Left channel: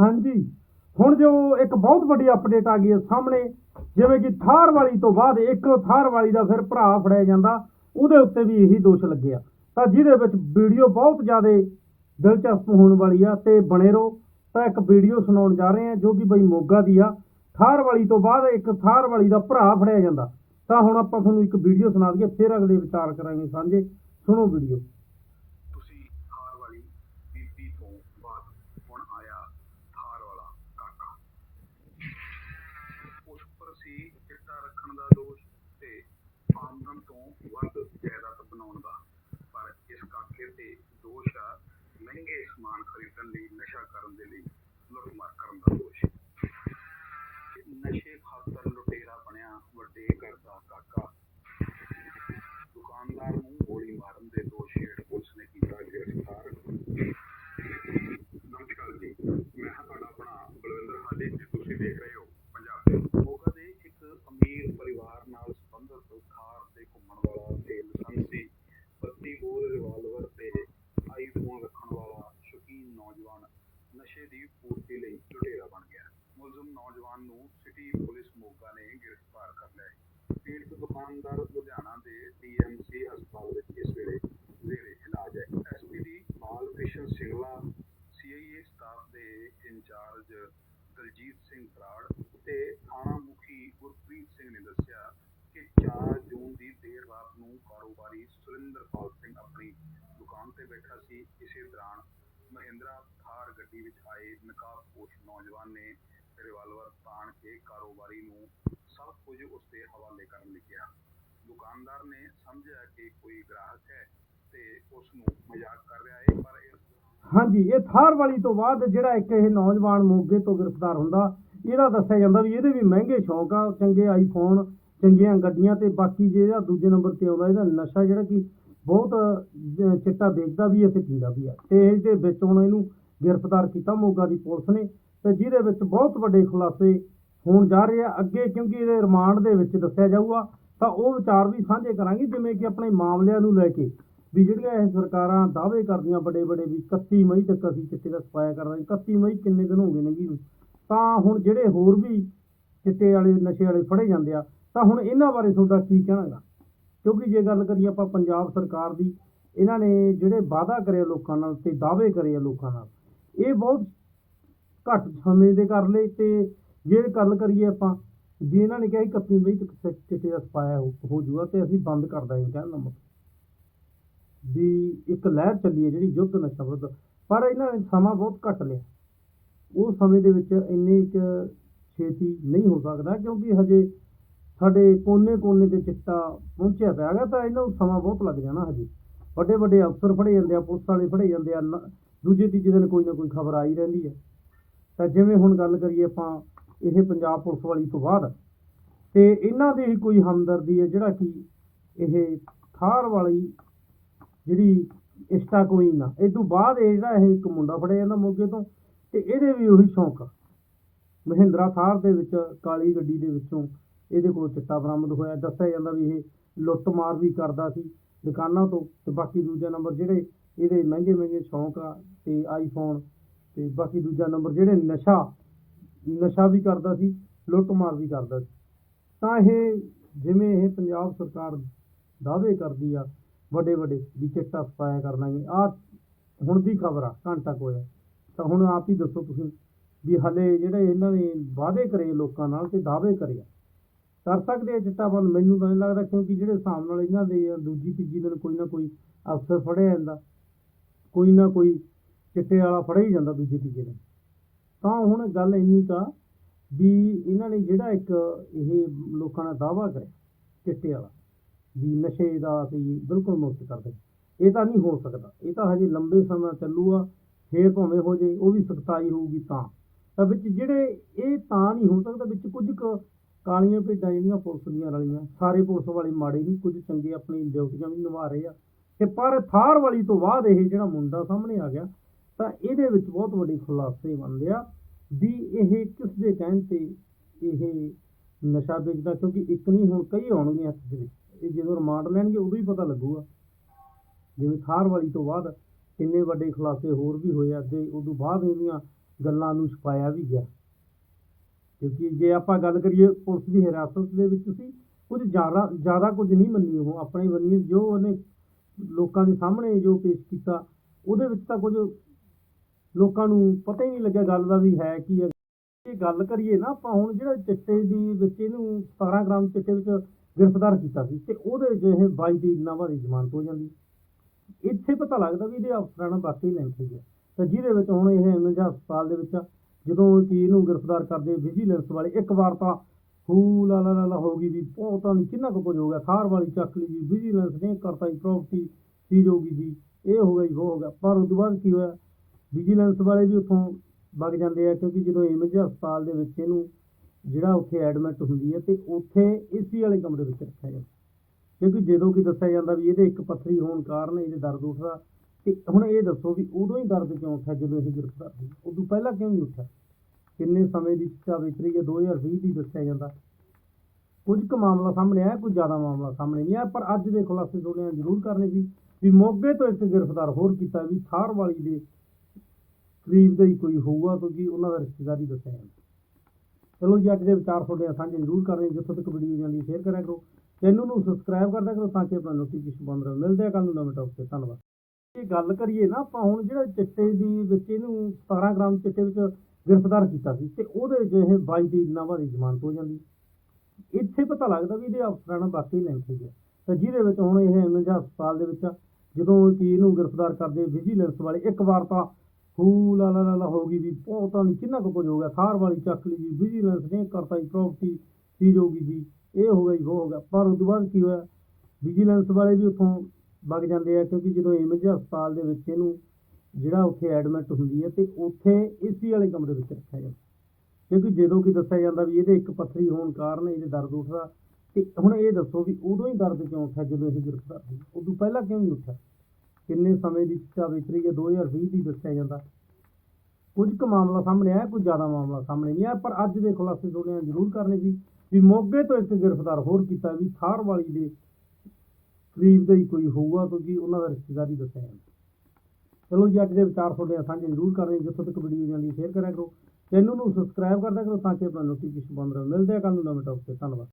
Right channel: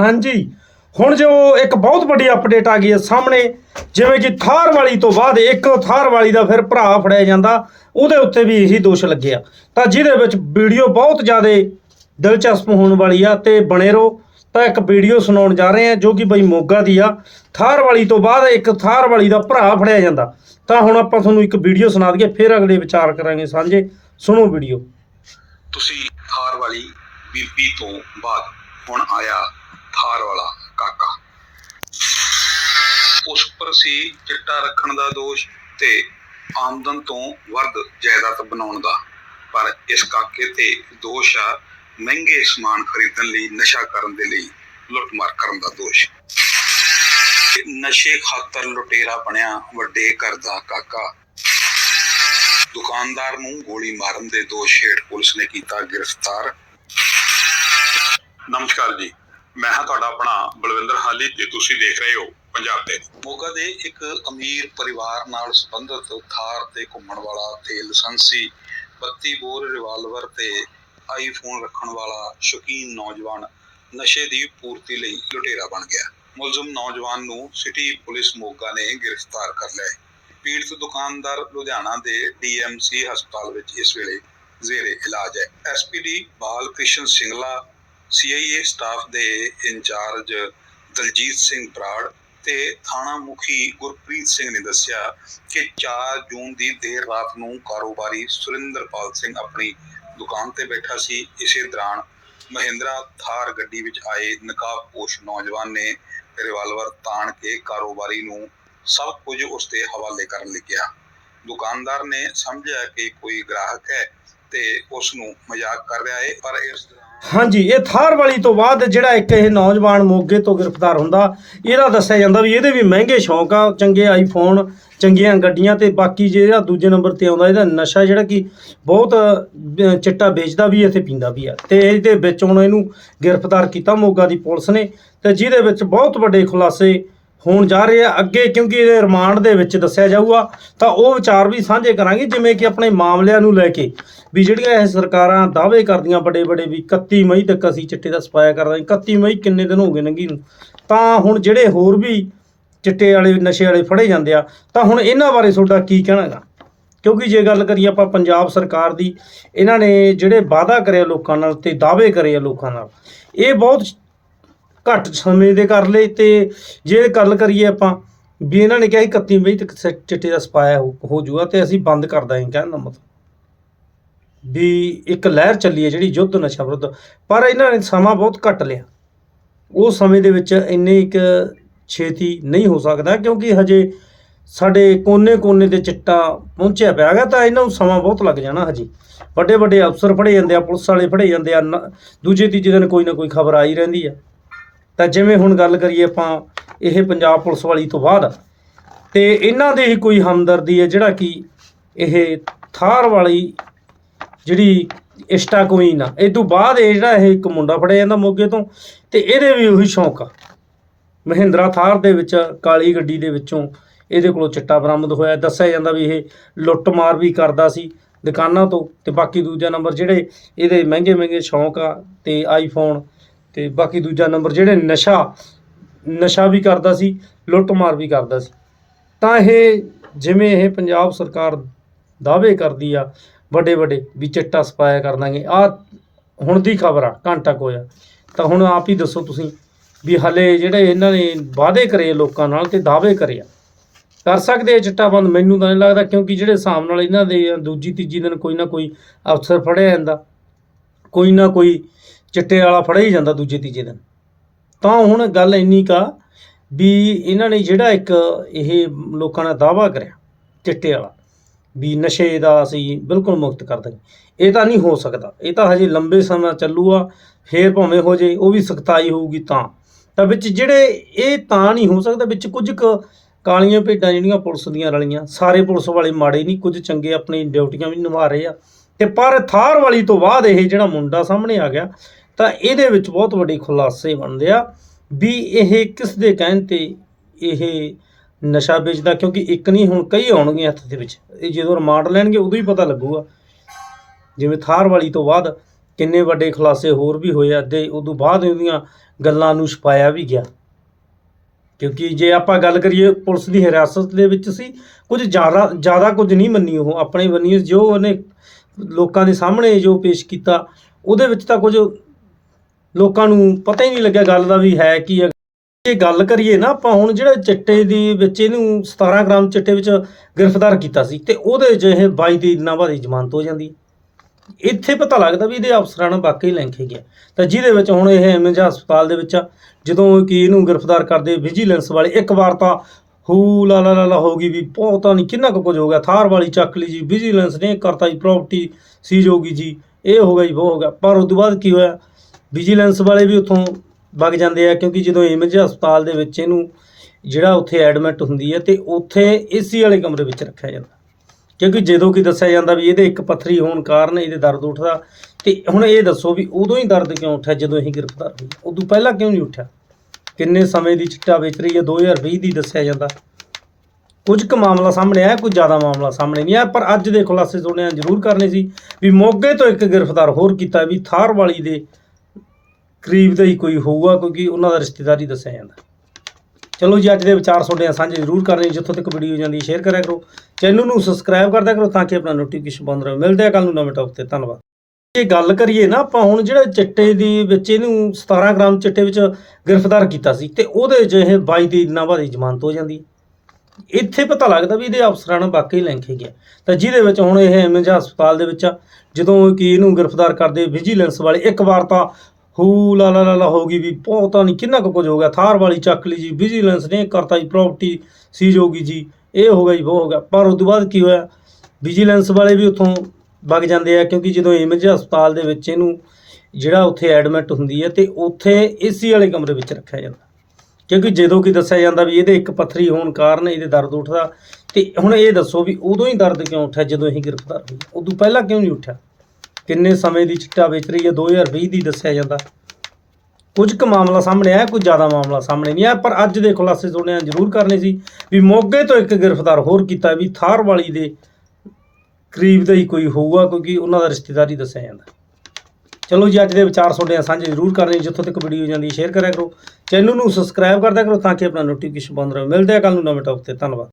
ਹਾਂਜੀ। ਹੁਣ ਜੋ ਇੱਕ ਬਹੁਤ ਵੱਡੀ ਅਪਡੇਟ ਆ ਗਈ ਹੈ ਸਾਹਮਣੇ, ਜਿਵੇਂ ਕਿ ਥਾਰ ਵਾਲੀ ਤੋਂ ਬਾਅਦ ਇੱਕ ਥਾਰ ਵਾਲੀ ਦਾ ਫਿਰ ਭਰਾ ਫੜਿਆ ਜਾਂਦਾ, ਉਹਦੇ ਉੱਤੇ ਵੀ ਇਹੀ ਦੋਸ਼ ਲੱਗਿਆ ਤਾਂ ਜਿਹਦੇ ਵਿੱਚ ਵੀਡੀਓ ਬਹੁਤ ਜ਼ਿਆਦਾ ਦਿਲਚਸਪ ਹੋਣ ਵਾਲੀ ਆ ਤੇ ਬਣੇ ਰਹੋ। ਤਾਂ ਇੱਕ ਵੀਡੀਓ ਸੁਣਾਉਣ ਜਾ ਰਹੇ ਆ ਜੋ ਕਿ ਬਈ ਮੋਗਾ ਦੀ ਆ। ਥਾਰ ਵਾਲੀ ਤੋਂ ਬਾਅਦ ਇੱਕ ਥਾਰ ਵਾਲੀ ਦਾ ਭਰਾ ਫੜਿਆ ਜਾਂਦਾ। ਤਾਂ ਹੁਣ ਆਪਾਂ ਤੁਹਾਨੂੰ ਇੱਕ ਵੀਡੀਓ ਸੁਣਾ ਦਈਏ, ਫਿਰ ਅਗਲੇ ਵਿਚਾਰ ਕਰਾਂਗੇ ਸਾਂਝੇ। ਸੁਣੋ ਵੀਡੀਓ। ਤੁਸੀਂ ਥਾਰ ਵਾਲੀ ਬੀਬੀ ਤੋਂ ਬਾਅਦ ਹੁਣ ਆਇਆ ਥਾਰ ਵਾਲਾ ਕਾਕਾ। ਉਸ ਪਰ ਸੀ ਚਿੱਟਾ ਰੱਖਣ ਦਾ ਦੋਸ਼ ਤੇ ਆਮਦਨ ਤੋਂ ਵੱਧ ਜਾਇਦਾਦ ਬਣਾਉਣ ਦਾ। ਪਰ ਇਸ ਕਾਕੇ ਤੇ ਦੋਸ਼ ਆ ਮਹਿੰਗੇ ਸਮਾਨ ਖਰੀਦਣ ਲਈ, ਨਸ਼ਾ ਕਰਨ ਦੇ ਲਈ ਲੁੱਟਮਾਰ ਕਰਨ ਦਾ ਦੋਸ਼। ਨਸ਼ੇ ਖਾਤਰ ਲੁਟੇਰਾ ਬਣਿਆ ਵੱਡੇ ਘਰ ਦਾ ਕਾਕਾ। ਦੁਕਾਨਦਾਰ ਨੂੰ ਗੋਲੀ ਮਾਰਨ ਦੇ ਦੋਸ਼ ਹੇਠ ਪੁਲਿਸ ਨੇ ਕੀਤਾ ਗ੍ਰਿਫਤਾਰ। ਨਮਸਕਾਰ ਜੀ। ਮੈਂ ਹਾਂ ਤੁਹਾਡਾ ਆਪਣਾ ਬਲਵਿੰਦਰ ਹਾਲੀ ਤੇ ਤੁਸੀਂ ਦੇਖ ਰਹੇ ਹੋ ਪੰਜਾਬ ਦੇ ਮੋਗਾ ਦੇ ਇੱਕ ਅਮੀਰ ਪਰਿਵਾਰ ਨਾਲ ਸੰਬੰਧਿਤ ਥਾਰ ਤੇ ਘੁੰਮਣ ਵਾਲਾ ਤੇ ਲਾਇਸੈਂਸੀ 32 ਬੋਰ ਰਿਵਾਲਵਰ ਤੇ ਆਈਫੋਨ ਰੱਖਣ ਵਾਲਾ ਸ਼ੌਕੀਨ ਨੌਜਵਾਨ ਨਸ਼ੇ ਦੀ ਪੂਰਤੀ ਲਈ ਲੁਟੇਰਾ ਬਣ ਗਿਆ। ਮੁਲਜ਼ਮ ਨੌਜਵਾਨ ਨੂੰ ਸਿਟੀ ਪੁਲਿਸ ਮੋਗਾ ਨੇ ਗ੍ਰਿਫਤਾਰ ਕਰ ਲਿਆ ਪੀੜਤ ਦੁਕਾਨਦਾਰ ਲੁਧਿਆਣਾ ਦੇ ਡੀਐਮਸੀ ਹਸਪਤਾਲ ਵਿੱਚ ਇਸ ਵੇਲੇ ਜ਼ੇਰੇ ਇਲਾਜ ਹੈ। SPD Bal Krishan Singla CIA staff ਦੇ ਇੰਚਾਰਜ ਦਲਜੀਤ ਸਿੰਘ ਬਰਾੜ ਤੇ ਥਾਣਾ ਮੁਖੀ ਗੁਰਪ੍ਰੀਤ ਸਿੰਘ ਨੇ ਦੱਸਿਆ ਕਿ 4 ਜੂਨ ਦੀ ਦੇਰ ਰਾਤ ਨੂੰ ਕਾਰੋਬਾਰੀ ਸੁਰਿੰਦਰਪਾਲ ਸਿੰਘ ਆਪਣੀ ਦੁਕਾਨ ਤੇ ਬੈਠਾ ਸੀ। ਇਸੇ ਦੌਰਾਨ ਮਹਿੰਦਰਾ ਥਾਰ ਗੱਡੀ ਵਿੱਚ ਆਏ ਨਕਾਬਪੋਸ਼ ਨੌਜਵਾਨ ਨੇ ਰਿਵਾਲਵਰ ਤਾਣ ਕੇ ਕਾਰੋਬਾਰੀ ਨੂੰ ਸਭ ਕੁਝ ਉਸ ਦੇ ਹਵਾਲੇ ਕਰਨ ਲੱਗਿਆ ਦੁਕਾਨਦਾਰ ਨੇ ਸਮਝਿਆ ਕਿ ਕੋਈ ਗ੍ਰਾਹਕ ਹੈ ਤੇ ਉਸ ਨੂੰ ਮਜ਼ਾਕ ਕਰ ਰਿਹਾ ਹੈ ਪਰ ਇਸ ਦੌਰਾਨ ਹਾਂਜੀ, ਇਹ ਥਾਰ ਵਾਲੀ ਤੋਂ ਬਾਅਦ ਜਿਹੜਾ ਇੱਕ ਇਹ ਨੌਜਵਾਨ ਮੋਗੇ ਤੋਂ ਗ੍ਰਿਫਤਾਰ ਹੁੰਦਾ, ਇਹਦਾ ਦੱਸਿਆ ਜਾਂਦਾ ਵੀ ਇਹਦੇ ਵੀ ਮਹਿੰਗੇ ਸ਼ੌਂਕ ਆ, ਚੰਗੇ ਆਈਫੋਨ ਚੰਗੀਆਂ ਗੱਡੀਆਂ ਤੇ ਬਾਕੀ ਜਿਹੜਾ ਦੂਜੇ ਨੰਬਰ ਤੇ ਆਉਂਦਾ, ਇਹਦਾ ਨਸ਼ਾ ਜਿਹੜਾ ਕਿ ਬਹੁਤ ਚਿੱਟਾ ਵੇਚਦਾ ਵੀ ਹੈ ਤੇ ਪੀਂਦਾ ਵੀ ਆ ਤੇ ਇਹਦੇ ਵਿੱਚ ਹੁਣ ਇਹਨੂੰ ਗ੍ਰਿਫਤਾਰ ਕੀਤਾ ਮੋਗਾ ਦੀ ਪੁਲਿਸ ਨੇ ਤੇ ਜਿਹਦੇ ਵਿੱਚ ਬਹੁਤ ਵੱਡੇ ਖੁਲਾਸੇ ਹੋਣ ਜਾ ਰਹੇ ਆ ਅੱਗੇ, ਕਿਉਂਕਿ ਇਹ ਰਿਮਾਂਡ ਦੇ ਵਿੱਚ ਦੱਸਿਆ ਜਾਊਗਾ, ਤਾਂ ਉਹ ਵਿਚਾਰ ਵੀ ਸਾਂਝੇ ਕਰਾਂਗੇ, ਜਿਵੇਂ ਕਿ ਆਪਣੇ ਮਾਮਲਿਆਂ ਨੂੰ ਲੈ ਕੇ। ਵੀ ਜਿਹੜੀਆਂ ਇਹ ਸਰਕਾਰਾਂ ਦਾਅਵੇ ਕਰਦੀਆਂ ਵੱਡੇ ਵੱਡੇ ਵੀ 31 ਮਈ ਤੱਕ ਅਸੀਂ ਚਿੱਟੇ ਦਾ ਸਪਾਇਆ ਕਰਦਾਂਗੇ 31 ਮਈ ਕਿੰਨੇ ਦਿਨ ਹੋ ਗਏ ਨੰਗੀ ਨੂੰ। ਤਾਂ ਹੁਣ ਜਿਹੜੇ ਹੋਰ ਵੀ ਚਿੱਟੇ ਵਾਲੇ, ਨਸ਼ੇ ਵਾਲੇ ਫੜੇ ਜਾਂਦੇ ਆ, ਤਾਂ ਹੁਣ ਇਹਨਾਂ ਬਾਰੇ ਤੁਹਾਡਾ ਕੀ ਕਹਿਣਾਗਾ ਕਿਉਂਕਿ ਜੇ ਗੱਲ ਕਰੀਏ ਆਪਾਂ ਪੰਜਾਬ ਸਰਕਾਰ ਦੀ, ਇਹਨਾਂ ਨੇ ਜਿਹੜੇ ਵਾਅਦਾ ਕਰਿਆ ਲੋਕਾਂ ਨਾਲ ਤੇ ਦਾਅਵੇ ਕਰੇ ਆ ਲੋਕਾਂ ਨਾਲ, ਇਹ ਬਹੁਤ ਘੱਟ ਸਮੇਂ ਦੇ ਕਰ ਲਏ ਤੇ ਜੇ ਗੱਲ ਕਰੀਏ ਆਪਾਂ ਵੀ ਇਹਨਾਂ ਨੇ ਕਿਹਾ ਸੀ 31 ਮਈ ਤੱਕ ਸ- ਚਿੱਟੇ ਦਾ ਸਪਾਇਆ ਹੋ ਹੋ ਤੇ ਅਸੀਂ ਬੰਦ ਕਰ ਦਾਂਗੇ ਕਹਿਣ ਦਾ ਮਤਲਬ। ਵੀ ਇੱਕ ਲਹਿਰ ਚੱਲੀ ਹੈ ਜਿਹੜੀ ਯੁੱਧ ਨਸ਼ਾ ਵਿਰੁੱਧ, ਪਰ ਇਹਨਾਂ ਨੇ ਸਮਾਂ ਬਹੁਤ ਘੱਟ ਲਿਆ। ਉਹ ਸਮੇਂ ਦੇ ਵਿੱਚ ਇੰਨੇ ਇੱਕ ਛੇਤੀ ਨਹੀਂ ਹੋ ਸਕਦਾ ਕਿਉਂਕਿ ਹਜੇ ਸਾਡੇ ਕੋਨੇ-ਕੋਨੇ ਤੇ ਚਿੱਟਾ ਪਹੁੰਚਿਆ ਪਿਆ ਹੈਗਾ ਤਾਂ ਇਹਨਾਂ ਨੂੰ ਸਮਾਂ ਬਹੁਤ ਲੱਗ ਜਾਣਾ ਹਜੇ। ਵੱਡੇ ਵੱਡੇ ਅਫਸਰ ਫੜੇ ਜਾਂਦੇ ਆ, ਪੁਲਿਸ ਵਾਲੇ ਫੜੇ ਜਾਂਦੇ ਆ, ਨ- ਦੂਜੇ ਤੀਜੇ ਦਿਨ ਕੋਈ ਨਾ ਕੋਈ ਖਬਰ ਆਈ ਰਹਿੰਦੀ ਆ। ਤਾਂ ਜਿਵੇਂ ਹੁਣ ਗੱਲ ਕਰੀਏ ਆਪਾਂ ਇਹ ਪੰਜਾਬ ਪੁਲਿਸ ਵਾਲੀ ਤੋਂ ਬਾਅਦ, ਤੇ ਇਹਨਾਂ ਦੇ ਹੀ ਕੋਈ ਹਮਦਰਦੀ ਹੈ ਜਿਹੜਾ ਕਿ ਇਹ ਥਾਰ ਵਾਲੀ ਜਿਹੜੀ ਇਸਟਾ ਕੁਈਨ ਆ, ਇਹ ਤੋਂ ਬਾਅਦ ਇਹ ਜਿਹੜਾ ਇਹ ਇੱਕ ਮੁੰਡਾ ਫੜਿਆ ਜਾਂਦਾ ਮੋਗੇ ਤੋਂ, ਤੇ ਇਹਦੇ ਵੀ ਉਹੀ ਸ਼ੌਂਕ ਆ। ਮਹਿੰਦਰਾ ਥਾਰ ਦੇ ਵਿੱਚ, ਕਾਲੀ ਗੱਡੀ ਦੇ ਵਿੱਚੋਂ ਇਹਦੇ ਕੋਲੋਂ ਚਿੱਟਾ ਬਰਾਮਦ ਹੋਇਆ। ਦੱਸਿਆ ਜਾਂਦਾ ਵੀ ਇਹ ਲੁੱਟਮਾਰ ਵੀ ਕਰਦਾ ਸੀ ਦੁਕਾਨਾਂ ਤੋਂ, ਤੇ ਬਾਕੀ ਦੂਜਾ ਨੰਬਰ ਜਿਹੜੇ ਇਹਦੇ ਮਹਿੰਗੇ ਮਹਿੰਗੇ ਸ਼ੌਂਕ ਆ, ਤੇ ਆਈਫੋਨ ਤੇ ਬਾਕੀ ਦੂਜਾ ਨੰਬਰ ਜਿਹੜੇ ਨਸ਼ਾ ਨਸ਼ਾ ਵੀ ਕਰਦਾ ਸੀ, ਲੁੱਟਮਾਰ ਵੀ ਕਰਦਾ ਸੀ। ਤਾਂ ਇਹ ਜਿਵੇਂ ਇਹ ਪੰਜਾਬ ਸਰਕਾਰ ਦਾਅਵੇ ਕਰਦੀ ਆ ਵੱਡੇ ਵੱਡੇ ਵੀ ਚਿੱਟਾ ਸਪਾਇਆ ਕਰ ਦਾਂਗੇ। ਆ ਹੁਣ ਦੀ ਖਬਰ ਆ, ਘੰਟਾ ਕੁ ਹੋਇਆ। ਤਾਂ ਹੁਣ ਆਪ ਹੀ ਦੱਸੋ ਤੁਸੀਂ ਵੀ ਹਲੇ ਜਿਹੜੇ ਇਹਨਾਂ ਨੇ ਵਾਅਦੇ ਕਰੇ ਲੋਕਾਂ ਨਾਲ ਤੇ ਦਾਅਵੇ ਕਰੇ ਆ। ਕਰ ਸਕਦੇ ਆ ਚਿੱਟਾ ਬੰਦ? ਮੈਨੂੰ ਤਾਂ ਨਹੀਂ ਲੱਗਦਾ ਕਿਉਂਕਿ ਜਿਹੜੇ ਹਿਸਾਬ ਨਾਲ ਇਹਨਾਂ ਦੇ ਦੂਜੀ ਤੀਜੀ ਦਿਨ ਕੋਈ ਨਾ ਕੋਈ ਅਫਸਰ ਫੜਿਆ ਜਾਂਦਾ। ਕੋਈ ਨਾ ਕੋਈ ਚਿੱਟੇ ਵਾਲਾ ਫੜਿਆ ਹੀ ਜਾਂਦਾ ਦੂਜੇ ਤੀਜੇ ਦਿਨ। ਤਾਂ ਹੁਣ ਗੱਲ ਇੰਨੀ ਕਾ ਵੀ ਇਹਨਾਂ ਨੇ ਜਿਹੜਾ ਇੱਕ ਇਹ ਲੋਕਾਂ ਨੇ ਦਾਵਾ ਕਰਿਆ ਚਿੱਟੇ ਵਾਲਾ ਵੀ ਨਸ਼ੇ ਦਾ ਅਸੀਂ ਬਿਲਕੁਲ ਮੁਕਤ ਕਰ ਦਾਂਗੇ ਇਹ ਤਾਂ ਨਹੀਂ ਹੋ ਸਕਦਾ। ਇਹ ਤਾਂ ਹਜੇ ਲੰਬੇ ਸਮਾਂ ਚੱਲੂਗਾ ਫੇਰ ਭਾਵੇਂ ਹੋ ਜੇ ਉਹ ਵੀ ਸਖਤਾਈ ਹੋਊਗੀ ਤਾਂ। ਤਾਂ ਵਿੱਚ ਜਿਹੜੇ ਇਹ ਤਾਂ ਨਹੀਂ ਹੋ ਸਕਦਾ, ਵਿੱਚ ਕੁਝ ਕੁ ਕਾਲੀਆਂ ਭੇਡਾਂ ਜਿਹੜੀਆਂ ਪੁਲਿਸ ਦੀਆਂ ਰਲੀਆਂ, ਸਾਰੇ ਪੁਲਿਸ ਵਾਲੇ ਮਾੜੇ ਨਹੀਂ, ਕੁਝ ਚੰਗੇ ਆਪਣੀ ਡਿਊਟੀਆਂ ਵੀ ਨਿਭਾ ਰਹੇ ਆ। ਤੇ ਪਰ ਥਾਰ ਵਾਲੀ ਤੋਂ ਬਾਅਦ ਇਹ ਜਿਹੜਾ ਮੁੰਡਾ ਸਾਹਮਣੇ ਆ ਗਿਆ ਤਾਂ ਇਹਦੇ ਵਿੱਚ ਬਹੁਤ ਵੱਡੇ ਖੁਲਾਸੇ ਬਣਦੇ ਆ ਵੀ ਇਹ ਕਿਸ ਦੇ ਕਹਿਣ ਤੇ ਇਹ ਨਸ਼ਾ ਵੇਚਦਾ, ਕਿਉਂਕਿ ਇੱਕ ਨਹੀਂ, ਹੁਣ ਕਈ ਆਉਣਗੇ ਹੱਥ ਦੇ ਵਿੱਚ। ਇਹ ਜਦੋਂ ਰਿਮਾਂਡ ਲੈਣਗੇ, ਉਦੋਂ ਹੀ ਪਤਾ ਲੱਗੂਗਾ। ਜਿਵੇਂ ਥਾਰ ਵਾਲੀ ਤੋਂ ਬਾਅਦ ਕਿੰਨੇ ਵੱਡੇ ਖੁਲਾਸੇ ਹੋਰ ਵੀ ਹੋਏ ਆ ਤੇ ਉਦੋਂ ਬਾਅਦ ਉਹਦੀਆਂ ਗੱਲਾਂ ਨੂੰ ਛਪਾਇਆ ਵੀ ਗਿਆ। ਕਿਉਂਕਿ ਜੇ ਆਪਾਂ ਗੱਲ ਕਰੀਏ, ਪੁਲਿਸ ਦੀ ਹਿਰਾਸਤ ਦੇ ਵਿੱਚ ਸੀ, ਕੁਝ ਜ਼ਿਆਦਾ ਜ਼ਿਆਦਾ ਕੁਝ ਨਹੀਂ ਮੰਨੀ ਉਹ, ਆਪਣੇ ਬੰਨੀ ਜੋ ਉਹਨੇ ਲੋਕਾਂ ਦੇ ਸਾਹਮਣੇ ਜੋ ਪੇਸ਼ ਕੀਤਾ, ਉਹਦੇ ਵਿੱਚ ਤਾਂ ਕੁਝ ਲੋਕਾਂ ਨੂੰ ਪਤਾ ਹੀ ਨਹੀਂ ਲੱਗਿਆ ਗੱਲ ਦਾ ਵੀ ਹੈ ਕੀ ਹੈ। ਇਹ ਗੱਲ ਕਰੀਏ ਨਾ ਆਪਾਂ ਹੁਣ ਜਿਹੜਾ ਚਿੱਟੇ ਦੇ ਵਿੱਚ ਇਹਨੂੰ 17 ਗ੍ਰਾਮ ਚਿੱਟੇ ਵਿੱਚ ਗ੍ਰਿਫਤਾਰ ਕੀਤਾ ਸੀ ਤੇ ਉਹਦੇ 'ਚ ਇਹ 22 ਦੀ ਦਿਨਾਂ ਬਾਅਦ ਜ਼ਮਾਨਤ ਹੋ ਜਾਂਦੀ ਇੱਥੇ ਪਤਾ ਲੱਗਦਾ ਵੀ ਇਹਦੇ ਅਫਸਰਾਂ ਨਾਲ ਵਾਕਈ ਲਿੰਕ ਗਿਆ ਤਾਂ ਜਿਹਦੇ ਵਿੱਚ ਹੁਣ ਇਹ ਐਮਜ ਹਸਪਤਾਲ ਦੇ ਵਿੱਚ ਆ, ਜਦੋਂ ਕਿ ਇਹਨੂੰ ਗ੍ਰਿਫਤਾਰ ਕਰਦੇ ਵਿਜੀਲੈਂਸ ਵਾਲੇ ਇੱਕ ਵਾਰ ਤਾਂ ਹੂ ਲਾ ਲਾ ਲਾ ਹੋ ਗਈ ਵੀ ਪਤਾ ਨਹੀਂ ਕਿੰਨਾ ਕੁ ਕੁਝ ਹੋ ਗਿਆ। ਥਾਰ ਵਾਲੀ ਚੱਕ ਲਈ ਜੀ ਵਿਜੀਲੈਂਸ ਨੇ ਕਰਤਾ ਜੀ ਪ੍ਰਾਪਰਟੀ ਸੀਜ਼ ਹੋ ਗਈ ਜੀ ਇਹ ਹੋ ਗਿਆ ਜੀ ਉਹ ਹੋ ਗਿਆ। ਪਰ ਉਸ ਤੋਂ ਬਾਅਦ ਕੀ ਹੋਇਆ? ਵਿਜੀਲੈਂਸ ਵਾਲੇ ਵੀ ਉੱਥੋਂ ਵਗ ਜਾਂਦੇ ਆ, ਕਿਉਂਕਿ ਜਦੋਂ ਇਮੇਜ ਹਸਪਤਾਲ ਦੇ ਵਿੱਚ ਇਹਨੂੰ ਜਿਹੜਾ ਉੱਥੇ ਐਡਮਿਟ ਹੁੰਦੀ ਹੈ ਤੇ ਉੱਥੇ ਏਸੀ ਵਾਲੇ ਕਮਰੇ ਵਿੱਚ ਰੱਖਿਆ ਜਾਂਦਾ। ਕਿਉਂਕਿ ਜਦੋਂ ਕੀ ਦੱਸਿਆ ਜਾਂਦਾ ਵੀ ਇਹਦੇ ਇੱਕ ਪੱਥਰੀ ਹੋਣ ਕਾਰਨ ਇਹਦੇ ਦਰਦ ਉੱਠਦਾ, ਤੇ ਹੁਣ ਇਹ ਦੱਸੋ ਵੀ ਉਦੋਂ ਹੀ ਦਰਦ ਕਿਉਂ ਉੱਠਿਆ ਜਦੋਂ ਇਹ ਗ੍ਰਿਫਤਾਰ ਹੋਈ ਉਦੋਂ ਪਹਿਲਾਂ ਕਿਉਂ ਨਹੀਂ ਉੱਠਿਆ? ਕਿੰਨੇ ਸਮੇਂ ਦੀ ਚਿੱਟਾ ਵੇਚ ਰਹੀ ਹੈ 2020 ਦੀ ਦੱਸਿਆ ਜਾਂਦਾ। ਕੁਝ ਕੁ ਮਾਮਲਾ ਸਾਹਮਣੇ ਆਇਆ ਕੋਈ ਜ਼ਿਆਦਾ ਮਾਮਲਾ ਸਾਹਮਣੇ ਨਹੀਂ ਆਇਆ, ਪਰ ਅੱਜ ਦੇ ਖੁਲਾਸੇ ਸੁਣਿਆ ਜ਼ਰੂਰ ਕਰਨੇ ਸੀ ਵੀ ਮੋਗੇ ਤੋਂ ਇੱਕ ਗ੍ਰਿਫਤਾਰ ਹੋਰ ਕੀਤਾ ਵੀ ਥਾਰ ਵਾਲੀ ਦੇ ਕਰੀਬ ਦਾ ਹੀ ਕੋਈ ਹੋਊਗਾ ਕਿਉਂਕਿ ਉਹਨਾਂ ਦਾ ਰਿਸ਼ਤੇਦਾਰ ਹੀ ਦੱਸਿਆ ਜਾਂਦਾ। ਚਲੋ ਜੀ ਅੱਜ ਦੇ ਵਿਚਾਰ ਤੁਹਾਡੇ ਨਾਲ ਸਾਂਝੇ ਜ਼ਰੂਰ ਕਰਨੇ ਜਿੱਥੋਂ ਤੱਕ ਵੀਡੀਓ ਜਾਂਦੀ ਸ਼ੇਅਰ ਕਰਿਆ ਕਰੋ। ਚੈਨਲ ਨੂੰ ਸਬਸਕ੍ਰਾਈਬ ਕਰਦਿਆ ਕਰੋ ਤਾਂ ਕਿ ਆਪਣਾ ਨੋਟੀਫਿਕੇਸ਼ਨ ਬੰਦ ਰਹੇ। ਮਿਲਦੇ ਆ ਕੱਲ ਨੂੰ ਨਵੇਂ ਟੌਪ ਤੇ। ਧੰਨਵਾਦ। ਜੇ ਗੱਲ ਕਰੀਏ ਨਾ ਆਪਾਂ ਹੁਣ ਜਿਹੜਾ ਚਿੱਟੇ ਦੀ ਵਿੱਚ ਇਹਨੂੰ 17 ਗ੍ਰਾਮ ਚਿੱਟੇ ਵਿੱਚ ਗ੍ਰਿਫਤਾਰ ਕੀਤਾ ਸੀ ਤੇ ਉਹਦੇ 'ਚ ਇਹ 22 ਦੀ ਦਿਨਾਂ ਬਾਅਦ ਜ਼ਮਾਨਤ ਹੋ ਜਾਂਦੀ ਇੱਥੇ ਪਤਾ ਲੱਗਦਾ ਵੀ ਇਹਦੇ ਅਫਸਰਾਂ ਨਾਲ ਵਾਕਈ ਲਿੰਕ ਗਿਆ ਤਾਂ ਜਿਹਦੇ ਵਿੱਚ ਹੁਣ ਇਹ ਐਮਜ ਹਸਪਤਾਲ ਦੇ ਵਿੱਚ ਆ, ਜਦੋਂ ਕਿ ਇਹਨੂੰ ਗ੍ਰਿਫਤਾਰ ਕਰਦੇ ਵਿਜੀਲੈਂਸ ਵਾਲੇ ਇੱਕ ਵਾਰ ਤਾਂ ਹੂ ਲਾ ਲਾ ਲਾ ਹੋ ਗਈ ਵੀ ਪਤਾ ਨਹੀਂ ਕਿੰਨਾ ਕੁ ਕੁਝ ਹੋ ਗਿਆ। ਥਾਰ ਵਾਲੀ ਚੱਕ ਲਈ ਜੀ ਵਿਜੀਲੈਂਸ ਨੇ ਕਰਤਾ ਜੀ ਪ੍ਰਾਪਰਟੀ ਸੀਜ਼ ਹੋ ਗਈ ਜੀ। ਇਹ ਹੋ ਗਿਆ ਜੀ ਉਹ ਹੋ ਗਿਆ। ਪਰ ਉਸ ਤੋਂ ਬਾਅਦ ਕੀ ਹੋਇਆ? ਵਿਜੀਲੈਂਸ ਵਾਲੇ ਵੀ ਉੱਥੋਂ ਵਗ ਜਾਂਦੇ ਆ, ਕਿਉਂਕਿ ਜਦੋਂ ਇਮੇਜ ਹਸਪਤਾਲ ਦੇ ਵਿੱਚ ਇਹਨੂੰ ਜਿਹੜਾ ਉੱਥੇ ਐਡਮਿਟ ਹੁੰਦੀ ਹੈ ਤੇ ਉੱਥੇ ਏਸੀ ਵਾਲੇ ਕਮਰੇ ਵਿੱਚ ਰੱਖਿਆ ਜਾਂਦਾ। ਕਿਉਂਕਿ ਜਦੋਂ ਕੀ ਦੱਸਿਆ ਜਾਂਦਾ ਵੀ ਇਹਦੇ ਇੱਕ ਪੱਥਰੀ ਹੋਣ ਕਾਰਨ ਇਹਦੇ ਦਰਦ ਉੱਠਦਾ। ਤੇ ਹੁਣ ਇਹ ਦੱਸੋ ਵੀ ਉਦੋਂ ਹੀ ਦਰਦ ਕਿਉਂ ਉੱਠਿਆ, ਜਦੋਂ ਇਹ ਗ੍ਰਿਫਤਾਰ ਹੋਈ ਉਦੋਂ ਪਹਿਲਾਂ ਕਿਉਂ ਨਹੀਂ ਉੱਠਿਆ? ਕਿੰਨੇ ਸਮੇਂ ਦੀ ਚਿੱਟਾ ਵੇਚ ਰਹੀ ਹੈ? 2020 ਦੀ ਦੱਸਿਆ ਜਾਂਦਾ। ਕੁਝ ਕੁ ਮਾਮਲਾ ਸਾਹਮਣੇ ਆਇਆ ਕੋਈ ਜ਼ਿਆਦਾ ਮਾਮਲਾ ਸਾਹਮਣੇ ਨਹੀਂ ਆਇਆ, ਪਰ ਅੱਜ ਦੇ ਖੁਲਾਸੇ ਸੁਣਿਆ ਜ਼ਰੂਰ ਕਰਨੇ ਸੀ ਵੀ ਮੋਗੇ ਤੋਂ ਇੱਕ ਗ੍ਰਿਫਤਾਰ ਹੋਰ ਕੀਤਾ ਵੀ ਥਾਰ ਵਾਲੀ ਦੇ ਕਰੀਬ ਦਾ ਹੀ ਕੋਈ ਹੋਊਗਾ, ਕਿਉਂਕਿ ਉਹਨਾਂ ਦਾ ਰਿਸ਼ਤੇਦਾਰ ਹੀ ਦੱਸਿਆ ਜਾਂਦਾ। ਚਲੋ ਜੀ, ਅੱਜ ਦੇ ਵਿਚਾਰ ਤੁਹਾਡੇ ਨਾਲ ਸਾਂਝੇ ਜ਼ਰੂਰ ਕਰਨੇ ਜਿੱਥੋਂ ਤੱਕ ਵੀਡੀਓ ਜਾਂਦੀ ਸ਼ੇਅਰ ਕਰਿਆ ਕਰੋ। ਚੈਨਲ ਨੂੰ ਸਬਸਕ੍ਰਾਈਬ ਕਰਦਿਆ ਕਰੋ ਤਾਂ ਕਿ ਆਪਣਾ ਨੋਟੀਫਿਕੇਸ਼ਨ ਬੰਦ ਰਹੇ। ਮਿਲਦੇ ਆ ਕੱਲ ਨੂੰ ਨਵੇਂ ਟੌਪ ਤੇ। ਧੰਨਵਾਦ।